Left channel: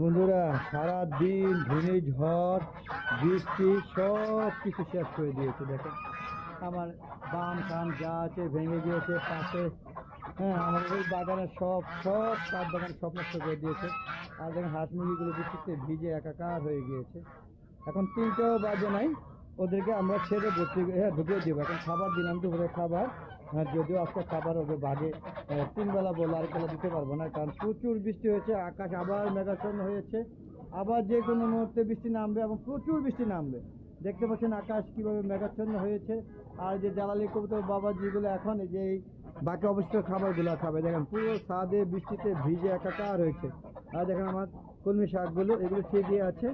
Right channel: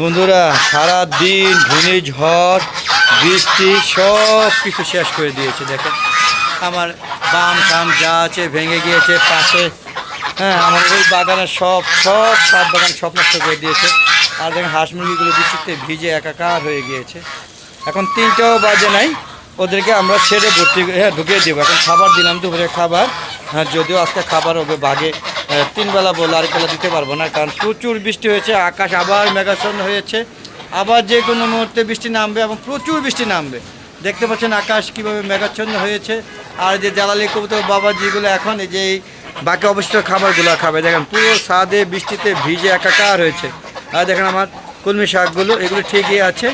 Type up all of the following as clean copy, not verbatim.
বন্ধুরা সারা দিন ঘূর্ণিঝড় বৃষ্টি সব কিছু শেষ করে দিয়েছে। দেখেন আমার বাম কাম যা আছে ভেঙে গিয়েছে পাশে। হ্যাঁ, আমার ওই বাগানের সব সব সাত বাগান সব নষ্ট করে দিয়েছে। আর দেখেন হাঁস মুরগিগুলো বৃষ্টিতে ভিজে একাকার হয়ে গিয়েছে। এখন 3টাও বাজে নাই, ওদেরকে আমরা ছেড়ে ঢুকিয়ে দেবো। এখন খাবার দিলাম, দুপুরে খাবার। হ্যাঁ, যদিও আজকে খাবার হবে ভাগে 3 বেলা বললে আর বেলা দিতে পারবো না, কারণ প্রচুর বৃষ্টি হয়েছে। আকাশ আবার মেঘাচ্ছন্ন হয়েছে, আবার যে কোনো মুহূর্তে বৃষ্টি নামবে এবং প্রচুর বৃষ্টি নামবে। দেখতে পাচ্ছেন আকাশ কীভাবে মেঘাচ্ছন্ন হয়েছে। আর যে জ্বালালি কবুতর বাবা যেগুলো এখন এই যে এই বাকি অবশিষ্ট খাবারগুলো খাবে, দেখেন পুরো ছাদে বৃষ্টিতে ভিজে একাকার হয়েছে। আর দেখেন আমার কলমি শাকগুলো, এগুলো ঠিকই আছে,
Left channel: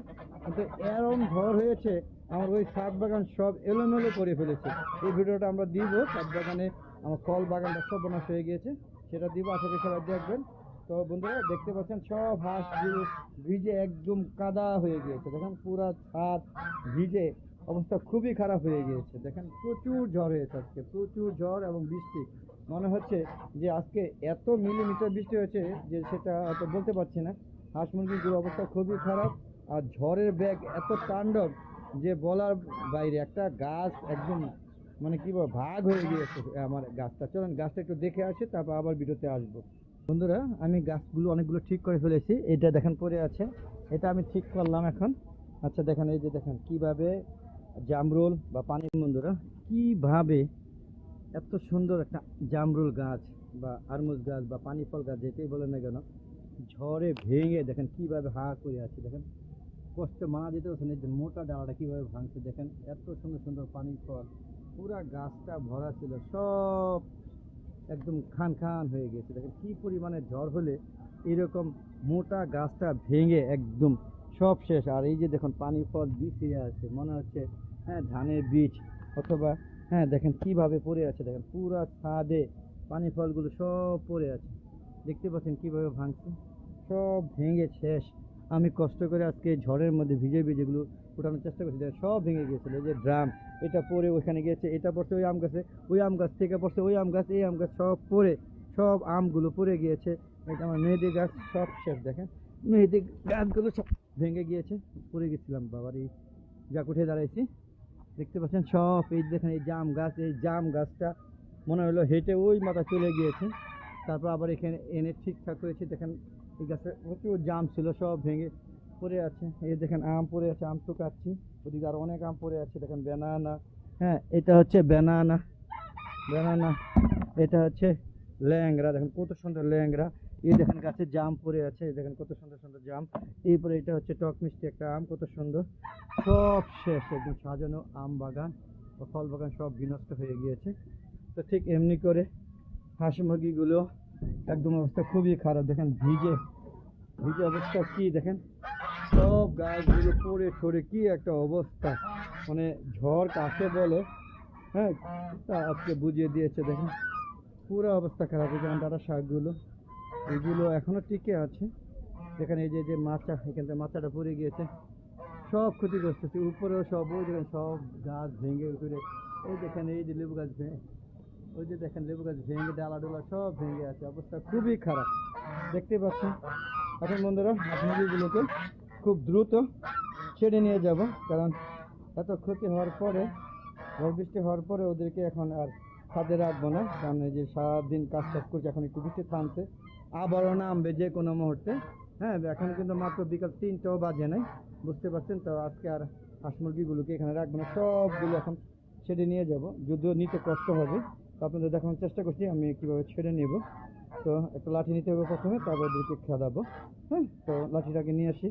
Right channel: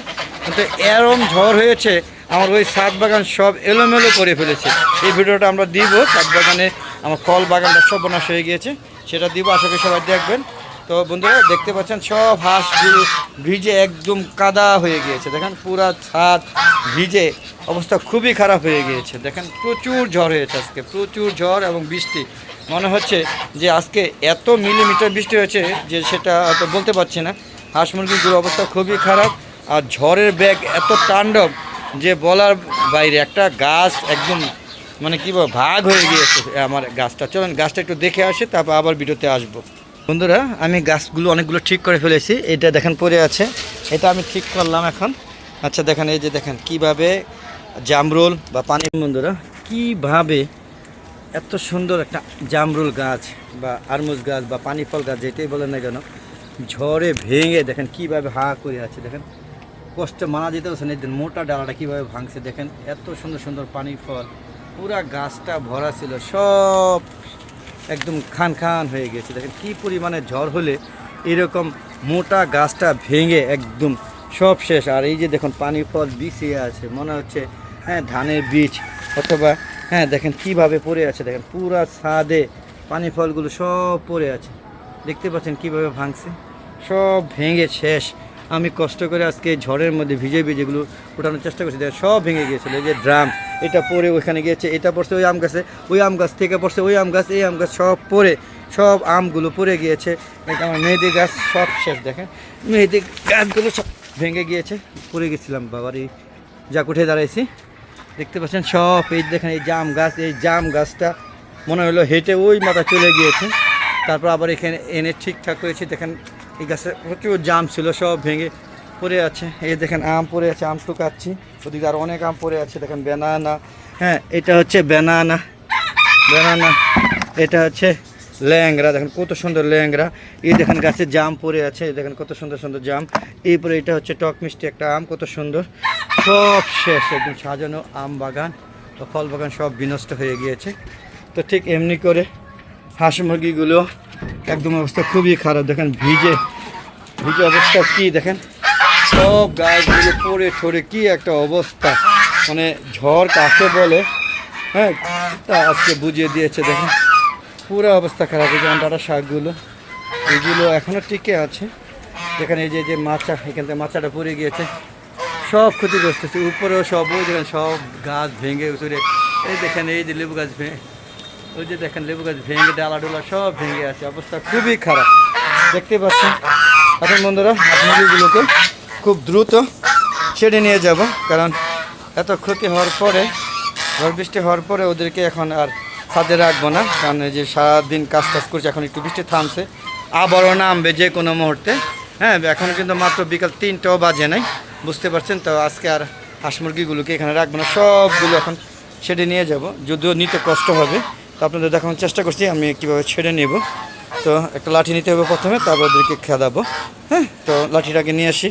কিন্তু এরম ঝড় হয়েছে আমার ওই ছাদ বাগান সব এলোমেলো করে ফেলেছে। এই ভিডিওটা আমরা দিব, ছাদ বাগানে আমার ফল বাগানটা সব বনাশ হয়ে গিয়েছে, সেটা দিব, আশা করি সবাই দেখবেন। তো বন্ধুরা দেখতে পাচ্ছেন সব হাঁসগুলো ভিজে একদম কাদা হয়ে গিয়েছে। দেখেন পুরা ছাদ ভিজে অবস্থা খুবই খারাপ হয়ে গিয়েছে। দেখেন প্রচুর ঝড় হয়েছে আজকে, প্রচুর ঝড় এবং বৃষ্টি। মনে হচ্ছে যে আজকে এত মিলিমিটার বৃষ্টি হয়েছে যে সেটা হয়তো বলতে পারছি না। হাঁস মুরগিগুলোর অবস্থা খুবই খারাপ। আর ঝড়ের বেগ এত তাণ্ডব যে বলার বাইরে। একটা গাছ একদম মানে কী বলবো ভাগ হয়ে গিয়েছে আমার গাছটা। চলেন গাছটা একটু দেখে আসি, তারপর আবার ভিডিওতে আসবো। বন্ধুরা আমি গাছগুলো অনেকগুলো ঠিক করে ফেলেছি। এটা দেখেন পড়ে আছে, এটা আমি ঠিক করলাম এখন। আচ্ছা দেখেন এই যে দেখেন কিভাবে জামরুল বা পানি, বন্ধুরা কিভাবে এত সুন্দর একটা জামরুল গাছ বা আরমুজ গাছ বা পানি ফল গাছ যেটাই বলেন না কেন, ঝড়ে ভেঙে দেখেন কিভাবে হা করে আছে। দেখেন কষ্ট মানা যেতে পারছে না, এই মোটা ডালাটা কীভাবে ভাঙছে। দেখেন এত সুন্দর সুন্দর পানি ফল, পুরা গাছটা ভরা ছিল, সব একদম খান খান হয়ে গেছে। দেখেন কি পরিমাণে ঝড় হলে এরকম মোটা গাছটা ভেঙে একদম সব শেষ। আর এই যে দেখুন পানি ফল বিছিয়ে আছে, মনে হচ্ছে হ্যাঁ ধানের বীজ অথবা হ্যাঁ দেখেন কিভাবে পড়ে আছে। দেখেন পুরা ছাদে পানি ফলগুলো সব পড়ে আছে, দেখতে পাচ্ছেন কিভাবে ভাঙছে, সব ভেঙে শেষ। আমি কষ্ট করে আজকে ঝড়ের মধ্যে ভিজে ভিজেগুলো ওঠানোর চেষ্টা করছি, দেখেন সব ভেঙে গিয়েছিলো। এই যে ড্রাম, এটা পড়ে ওইখানে গিয়েছে, এটা পড়ছে ওই আম গাছে, ওই আম গাছ থেকে পড়ছে ওই আম গাছ, এই আম গাছ সব পড়ে সব আমগুলো পড়ে গিয়েছে। আমার মেহেদি গাছ সব শেষ। দেখেন মেহেদি গাছগুলো সব ভেঙে গিয়েছে, পড়ে গেছিলাম বাবার এই যা উঠে দাঁড়াইছি। দেখতে পাচ্ছেন সব এই দেখেন এই জাম গাছ, এই জাম গাছটা মনে হলো হেঁটে ওই মাথা চলে গিয়েছে। তারপর আবার এখানে এনে ঠিকঠাক করেছি। দেখেন এই গাছে প্রচুর জাম ছিল, সব ভেঙে পড়ে আছে। এই দেখেন আম পড়ে আছে, আম টুকাচ্ছি, ওদিকে আর অনেক আম পড়ে আছে। দেখেন ব্যানানা, হ্যাঁ এটা হচ্ছে ব্যানানা, ব্যানানা, এটা হচ্ছে ল্যাংরা, দেখেন কত সুন্দর ল্যাংরা। এই দেখেন গাছে জাম পড়ে আছে, দেখেন কত সুন্দর সুন্দর জাম। এরপরে এটা হচ্ছে টক মিষ্টি একটা আম, কত সুন্দর, সব শেষ একদম সাজানো আম বাগান ও ফল বাগান সব বিনষ্ট হয়ে গিয়েছে। তো ঠিক এমনি করে হাঁস মুরগিগুলো একদম অবস্থা খুবই খারাপ। দেখেন ভিজে ভিজে অবস্থা কি, দেখেন সব গাছগুলো পড়ে ঠরে কি একটা অবস্থা, মানে ঝড় কাকে বলে হ্যাঁ তা আজকে বুঝিয়ে দিয়েছে। দেখেন পুরো অবস্থা খারাপ। এই যেমন ডাটা শাকগুলো এগুলো এখনও টিকে আছে। দেখেন এই যে মাচা, এখান থেকে মাচাটা পড়ে গিয়েছে, সব ক্ষতিগ্রস্ত হচ্ছে। উপরেও সব ওই দেখেন সব গাছ ভেঙে উঠে, এই দেখেন এই যে লেবু গাছ ভেঙে, ওই যে দেখেন লেবু গাছ ভেঙে ডালা ডোলা সব ভেঙে আছে, অবস্থা খুবই খারাপ দেখতে পাচ্ছেন। এখন বন্ধুরা মুরগিগুলোকে খুব দ্রুত ছেড়ে নিয়ে যাব, কারণ এত ক্ষতি হওয়ার পরে, ঝড় বৃষ্টি হওয়ার পরে ওদেরকে এখন আর ছাদে রাখবো না, কারণ এই যে সারাদিন কাজ টাজ করছে, এখন একটু বৃষ্টি থামছে, আবারও নামবে যে কোনো মুহূর্তে। হ্যাঁ এখন কিন্তু মাত্র বিকাল 3টাও বাজে নাই, বুঝতে পারছেন। তো আজকে আর হাঁস মুরগিগুলোকে এখানে রাখবো না, সবগুলো এখন ছেড়ে নিয়ে যাব, যদিও নিতে কষ্ট হবে। তো আপনাদের দেখানোর চেষ্টা করছি আমি কীভাবে ছেড়ে নেব। তো একটা লাঠি নিতে হবে প্রথমে, তারপর ওদেরকে খেদাবো। হ্যাঁ তো লাঠিটাকে নিয়ে আসি।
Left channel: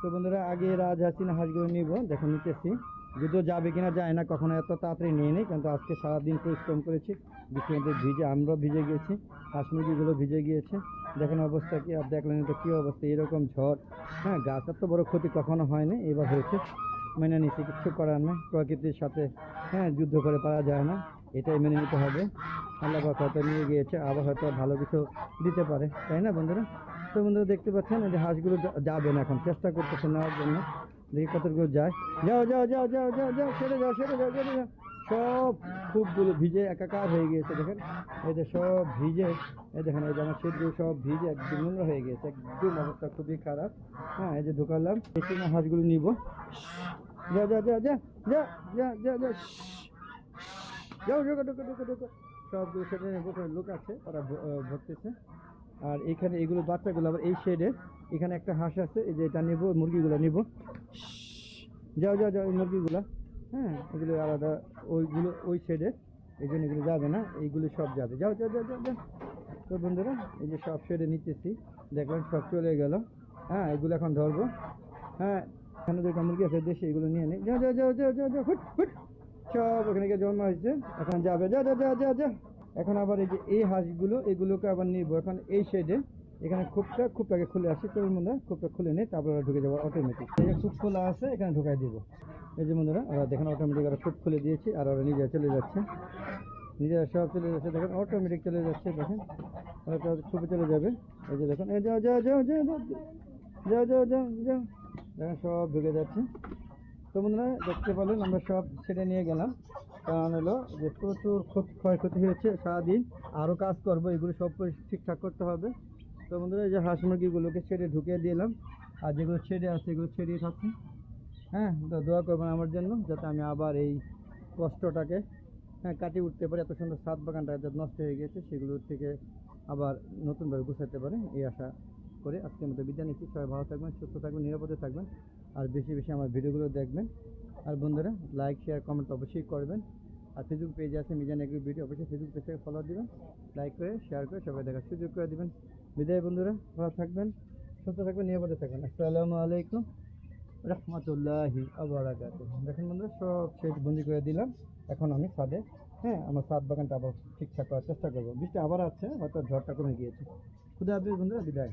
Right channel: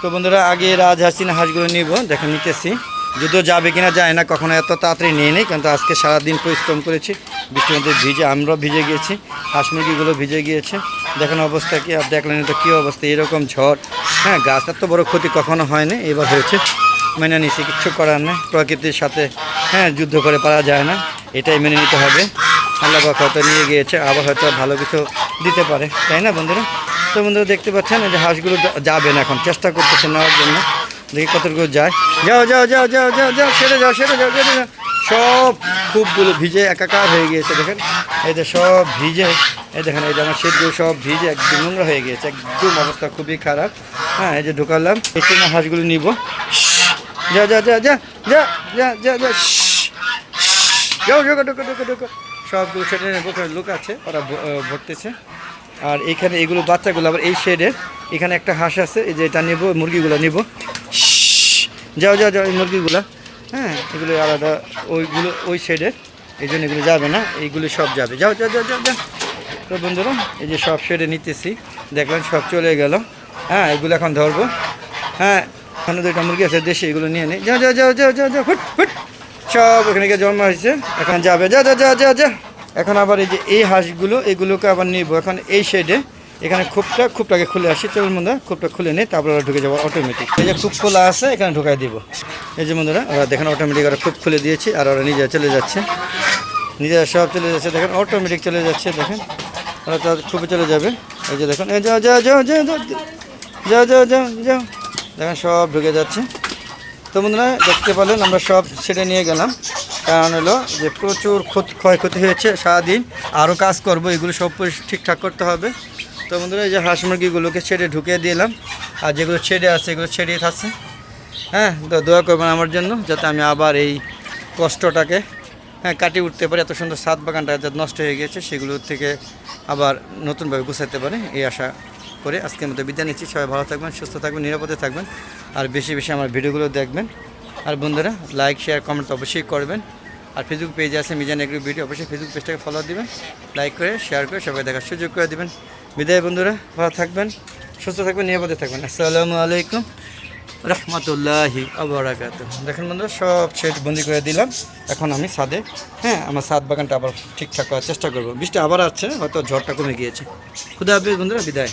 তো বন্ধুরা আগে রাজহাঁসিনা হাঁসগুলো নিব, দেখেন নিতেছি, যদিও যাবে কিনা যায় না, কখনো এত তাড়াতাড়ি নিয়ে নেই, কিন্তু আজকে সারাদিন পরিশ্রম করেছি, বৃষ্টির মধ্যে ভিজে আমরাও ভিজে গিয়েছি, হাঁস মুরগিগুলো ভিজে গিয়েছে। দেখেন অবস্থা কি, আর দেখলেন তো কী অবস্থা, এরকম ঝড়। হ্যাঁ গাছ এত বড় ক্ষতি কখনো হয়নি, এবার হয়েছে, মেনে নিছি, কিচ্ছু করার নেই, প্রকৃতির সাথে হ্যাঁ যুদ্ধ করে পারা যায় না, এটাই মেনে নিতে হবে। আল্লাহ পাক হয়তো নিয়ে গিয়েছে, আবার হয়তো ভালো কিছু দিতে পারে, তাই না বন্ধুরা। তো বন্ধুরা দেখতে পাচ্ছেন এই যে হাঁসগুলো যাবে না, এখন চেষ্টা করতেছে নেওয়ার জন্য, দেখি কতটুকু যায়। যাও যাও যাও যাও যাও যাও, সেরে যাও সেরে যাও, সেরে যাও, সব কূপগুলো ভিজে একাকার হয়ে গিয়েছে দেখেন, এই যে সব ভিজে, এই দেখেন এই যে আমার শেডগুলো সব ভিজে একদম নোংরা হয়ে গিয়েছে, একদম অবস্থা খুবই খারাপ। হ্যাঁ, এই যে ঢুকালাম, এই চীনা হাঁসগুলো নিব। যা যা যা যা যা যা যা যা যাও, ঢোকো ঢোকো ঢোকো ঢোকো, সবগুলো শেডে নেবো, লোক আছে ওরা ভরতেছে। আর এখানে এগুলো বাচ্চাগুলো আবার এই শেডের, এখানে একটা হাঁস আছে, এই যে এটা নিব, মুরগিগুলো নিব। যাও যাও যাও, এই মুরগিগুলো, হ্যাঁ এগুলো আলাদা, ওইগুলো ওই শেডের, এই জন্য এগুলো যাবে না, এইগুলো সব যাবে। যাও যাও যাও যাও যাও। তো বন্ধুরা এই যে সব শেডে নিতেছি, দেখলেন সব চলে গেল। হ্যাঁ, এগুলো এখন ধরবো। হ্যাঁ, এখানে দুইটা মুরগি আছে দেশি, এগুলো নিয়ে নিই। যাও যাও যাও যাও যাও যাও, ফুট ফুট, সব এখানে গিয়ে জন্ম হয়েছে, এখন যাবে। যা যা যা যা যা। এখন আবার এই যে এই হাঁসগুলো, এগুলোকে আবার নিব এখন এই শেডে। এখানে খুবটাকে খুলে আসি, চলুন বন্ধুরা খুবটা খুলে নিই, তারপর ওরা ঢুকে যাবো অটোমেটিক। এই যে খুব খোলা আছে, এখানে ঢুকাই দিব। এই যে বন্ধুরা ওরা দেখেন অটোমেটিক, ওরা খুব খুলে দিয়েছি, আর ওরা নিজেরা চলে যাচ্ছে, নিজেরা সব চলে যাচ্ছে, দেখেন অটোমেটিক চলে যাচ্ছে, দেখেন ওরা তো খুবই চলে যাবে। এই যে দেখেন, এই যাও যাও যাও যাও যাও যাও যাও যাও যাও, দেখেন সব ঢুকে যাচ্ছে। তো বন্ধুরা দেখতে পেলেন আমরা সব ছেড়ে নিয়ে গেলাম, কারণ হলো যে প্রচুর ক্ষয়ক্ষতি হয়েছে সারাদিন, আরও কাজ করব, এগুলো সব ঠিকঠাক করতে হবে। তো বন্ধুরা এই যে হাঁস মুরগিগুলোকে ছেড়ে ঢুকিয়ে দিলাম, আর যেগুলো ছেড়ে আছে এগুলো ছেড়েই থাকছে। হ্যাঁ, তো দোয়া করবেন আমার জন্য, যাতে আমি আবার এই কষ্টটাকে কাটিয়ে উঠতে পারি। এত সুন্দর ছাদ বাগানটা যা নষ্ট হয়ে গিয়েছে, সেগুলোর থেকে আবার নতুনভাবে গুছাতে পারে, এই আশা করে আজকের মতো বিদায় নিচ্ছি। সবাই ভালো থাকবেন, সুস্থ থাকবেন, নিরাপদে থাকবেন, আর বেশি বেশি আমার ভিডিওগুলো দেখবেন। আর বন্ধুরা লাইক শেয়ার কমেন্ট অবশ্যই করবেন। আর ফেসবুক পেজে আছে মিজান এগ্রি ভিডিও, অবশ্যই ফেসবুক পেজটাকে ফলো দিবেন, লাইক করে শেয়ার করে সবাই দেখার সুযোগ করে দেবেন। বিদায় বন্ধুরা, ভালো থাকবেন, সুস্থ থাকবেন, নিরাপদে থাকবেন। আসসালামু আলাইকুম রহমতুল্লাহি আবরাকাতুহু। দেখেন বন্ধুরা সব শেড বন্দি করে দিলাম, এখন আমি ছাদে, হ্যাঁ আমার ছাদ বাগানটা আবার ঠিকঠাক করার চেষ্টা করবো। বৃষ্টি আবার আসছে, হয়তো ঝড়টা কমে গিয়েছে। খুদা হাফেজ বন্ধুরা, বিদায়।